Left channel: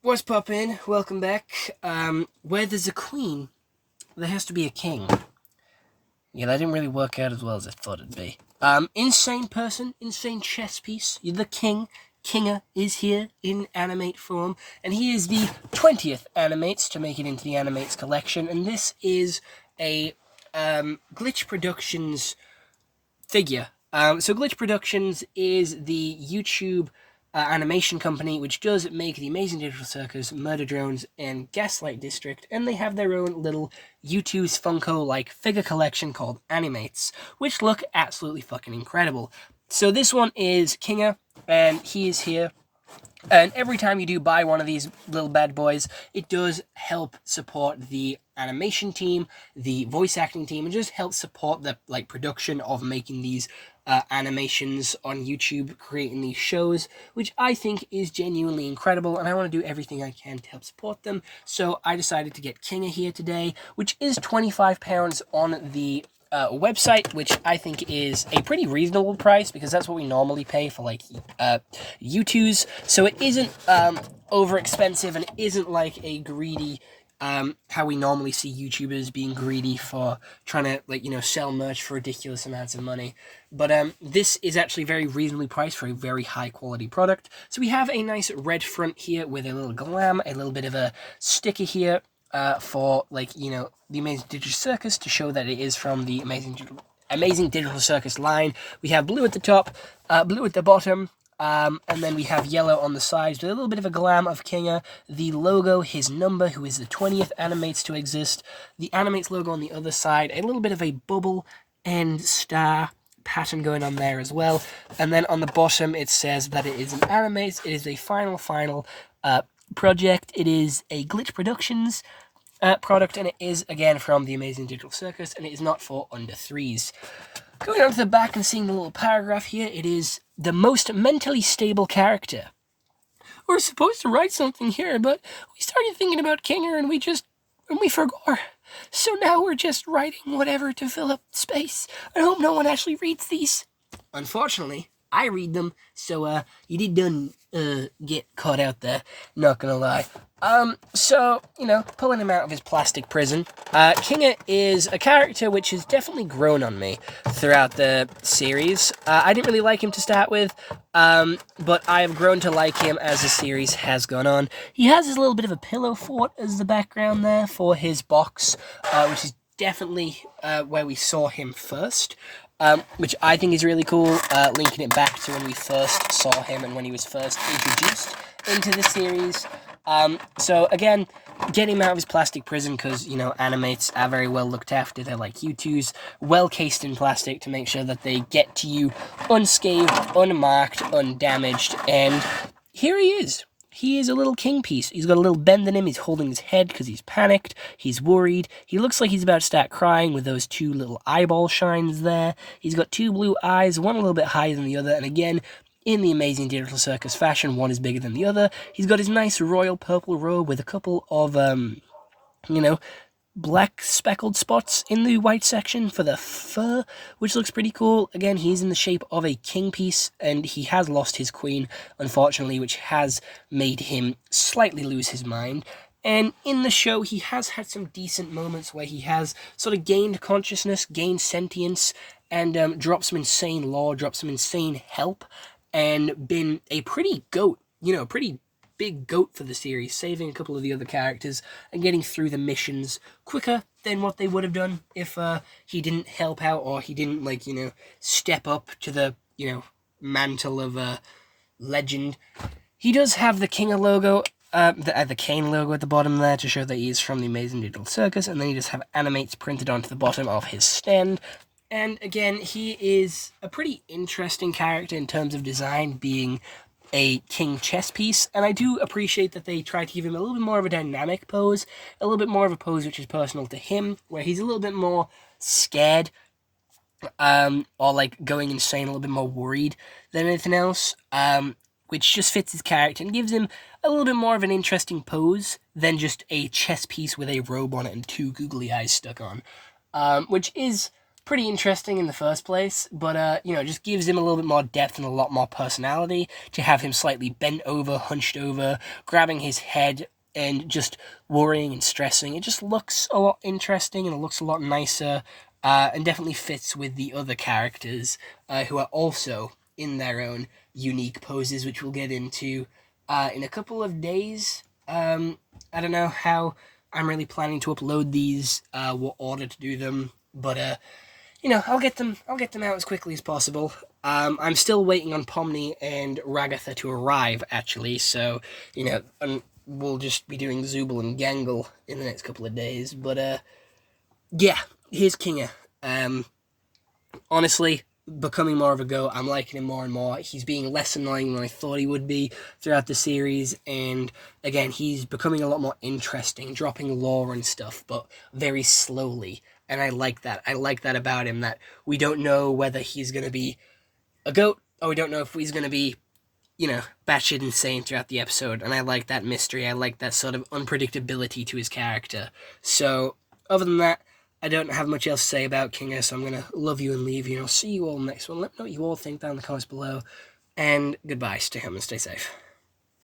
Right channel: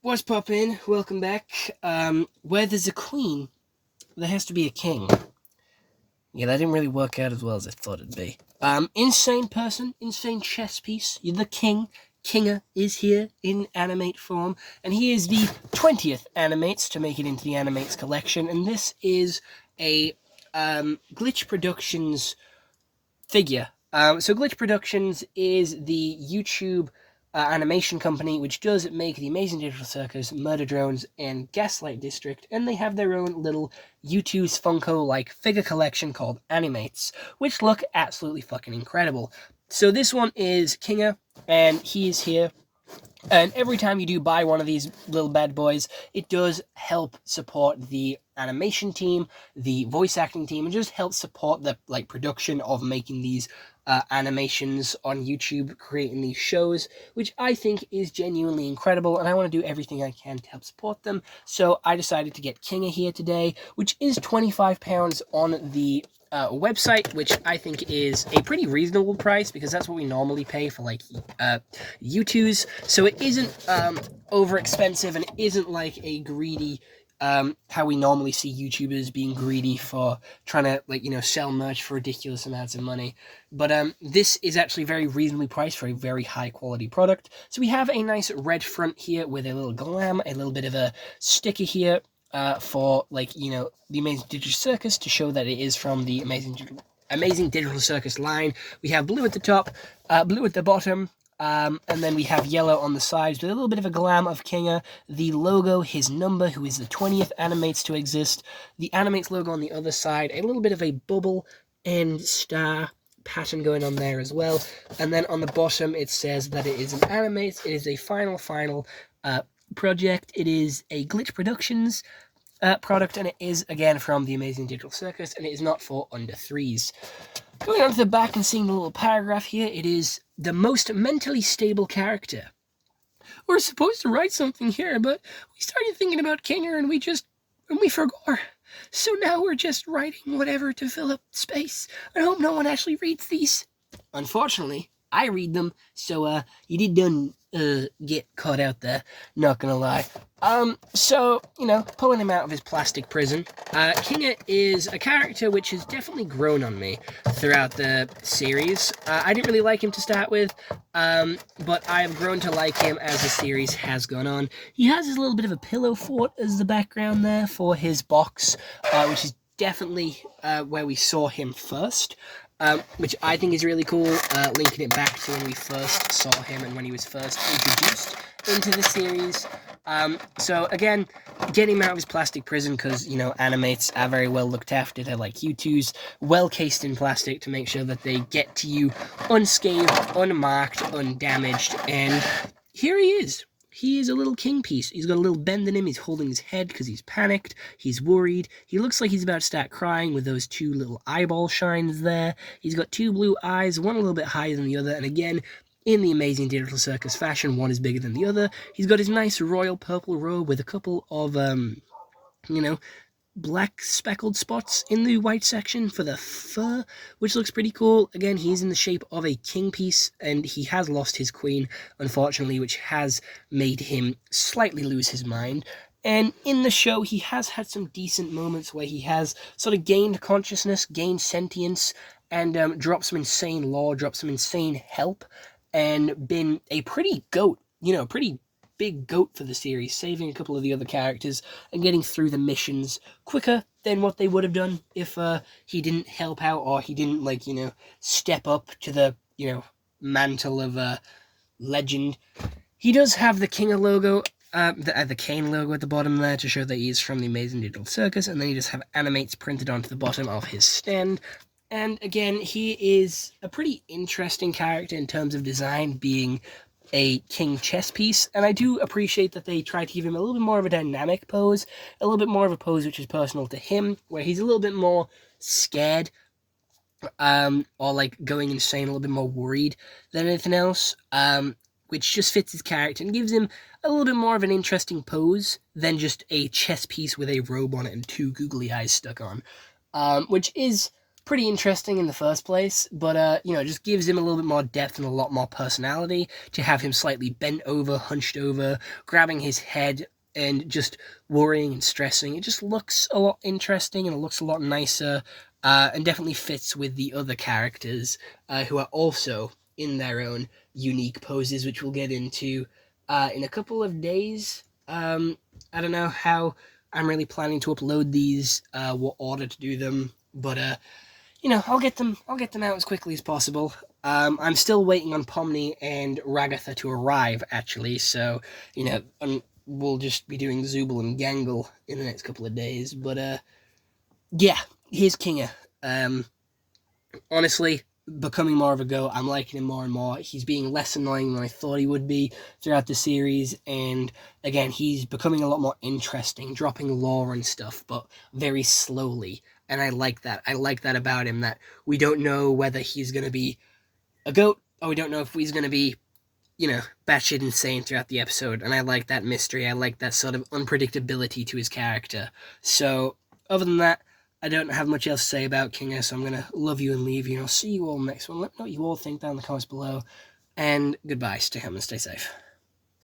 What's poppin'? Welcome back. Where there's a queen, there has to be a king. Yeah, that didn't really work out as well as I thought it'd be. Insane person, insane chess piece. You're the king. Kinger is here in animate form, and he is the 20th animates to make it into the animates collection, and this is a Glitch Productions figure. So Glitch Productions is the YouTube animation company which does make the Amazing Digital Circus, Murder Drones, and Gaslight District, and they have their own little YouTube's Funko-like figure collection called AniMatez, which look absolutely fucking incredible. So this one is Kinger, and he is here. And every time you do buy one of these little bad boys, it does help support the animation team, the voice acting team, and just help support the production of making these animations on YouTube, creating these shows, which I think is genuinely incredible, and I want to do everything I can to help support them. So I decided to get Kinger here today, which is £25 on the website, which I think is a pretty reasonable price because that's what we normally pay for U2s. So it isn't over expensive, and it isn't like a greedy how we normally see YouTubers being greedy for trying to sell merch for ridiculous amounts of money. But this is actually very reasonably priced for a very high quality product. So we have a nice red front here with a little glam, a little bit of a sticker here for the Amazing Digital Circus to show that it is from the Amazing Digital Circus line. We have blue at the top, blue at the bottom, and then we have yellow on the sides with a little bit of a glam of Kinger, the logo, his number, who is the 20th animates to exist, the animates logo on the other side, a little bit of a bubble and star pattern going on there as well, and then on the bottom it says that it is an animates, it is a final project, it is a Glitch Productions product, and it is again from the Amazing Digital Circus, and it is not for under threes. Going on to the back and seeing the little paragraph here, it is the most mentally stable character. We're supposed to write something here, but we started thinking about Kinger and we forgot. So now we're just writing whatever to fill up space. I hope no one actually reads these. Unfortunately, I read them, so you did get caught out there, not gonna lie. So, pulling him out of his plastic prison, Kinger is a character which has definitely grown on me throughout the series. I didn't really like him to start with, but I've grown to like him as the series has gone on. He has his little bit of a pillow fort as the background there for his box, which is definitely where we saw him first. Which I think is really cool, linking it back to when we first saw him and when he was first introduced into the series. So again, getting him out of his plastic prison because, animates are very well looked after. They're like U2s, well cased in plastic to make sure that they get to you unscathed, unmarked, undamaged, and here he is. He is a little king piece. He's got a little bend in him. He's holding his head because he's panicked. He's worried. He looks like he's about to start crying with those two little eyeball shines there. He's got two blue eyes, one a little bit higher than the other. And again, in the Amazing Digital Circus fashion, one is bigger than the other. He's got his nice royal purple robe with a couple of, black speckled spots in the white section for the fur, which looks pretty cool. Again, he's in the shape of a king piece, and he has lost his queen, unfortunately, which has made him slightly lose his mind. And in the show, he has had some decent moments where he has sort of gained consciousness, gained sentience, and dropped some insane lore, dropped some insane help, and been a pretty goat, pretty big goat for the series, saving a couple of the other characters and getting through the missions quicker than what they would have done if he didn't help out or he didn't step up to the mantle of legend. He does have the Kinger logo, the cane logo at the bottom there to show that he is from the Amazing Digital Circus, and then he does have animates printed onto the bottom of his stand. And again, he is a pretty interesting character in terms of design, being a king chess piece, and I do appreciate that they try to give him a little bit more of a dynamic pose, a little bit more of a pose which is personal to him, where he's a little bit more scared, or going insane, a little bit more worried than anything else, which just fits his character and gives him a little bit more of an interesting pose than just a chess piece with a robe on it and two googly eyes stuck on, which is pretty interesting in the first place, but, you know, just gives him a little bit more depth and a lot more personality to have him slightly bent over, hunched over, grabbing his head and just worrying and stressing. It just looks a lot interesting and it looks a lot nicer, and definitely fits with the other characters who are also in their own unique poses, which we'll get into in a couple of days. I don't know how I'm really planning to upload these, what order to do them, but you know, I'll get them out as quickly as possible. I'm still waiting on Pomni and Ragatha to arrive, actually, so, you know, we'll just be doing Zooble and Gangle in the next couple of days, but, yeah, here's Kinga. Honestly, becoming more of a goat. I'm liking him more and more. He's being less annoying than I thought he would be throughout the series, and again, he's becoming a lot more interesting, dropping lore and stuff, but very slowly, and I like that. I like that about him, that we don't know whether he's going to be a goat, or we don't know if he's going to be, you know, batshit insane throughout the episode, and I like that mystery. I like that sort of unpredictability to his character. So, other than that, I don't have much else to say about Kinga, so I'm going to love you and leave you, and I'll see you all next one. Let me know what you all think down in the comments below, and goodbye. Stay home and stay safe.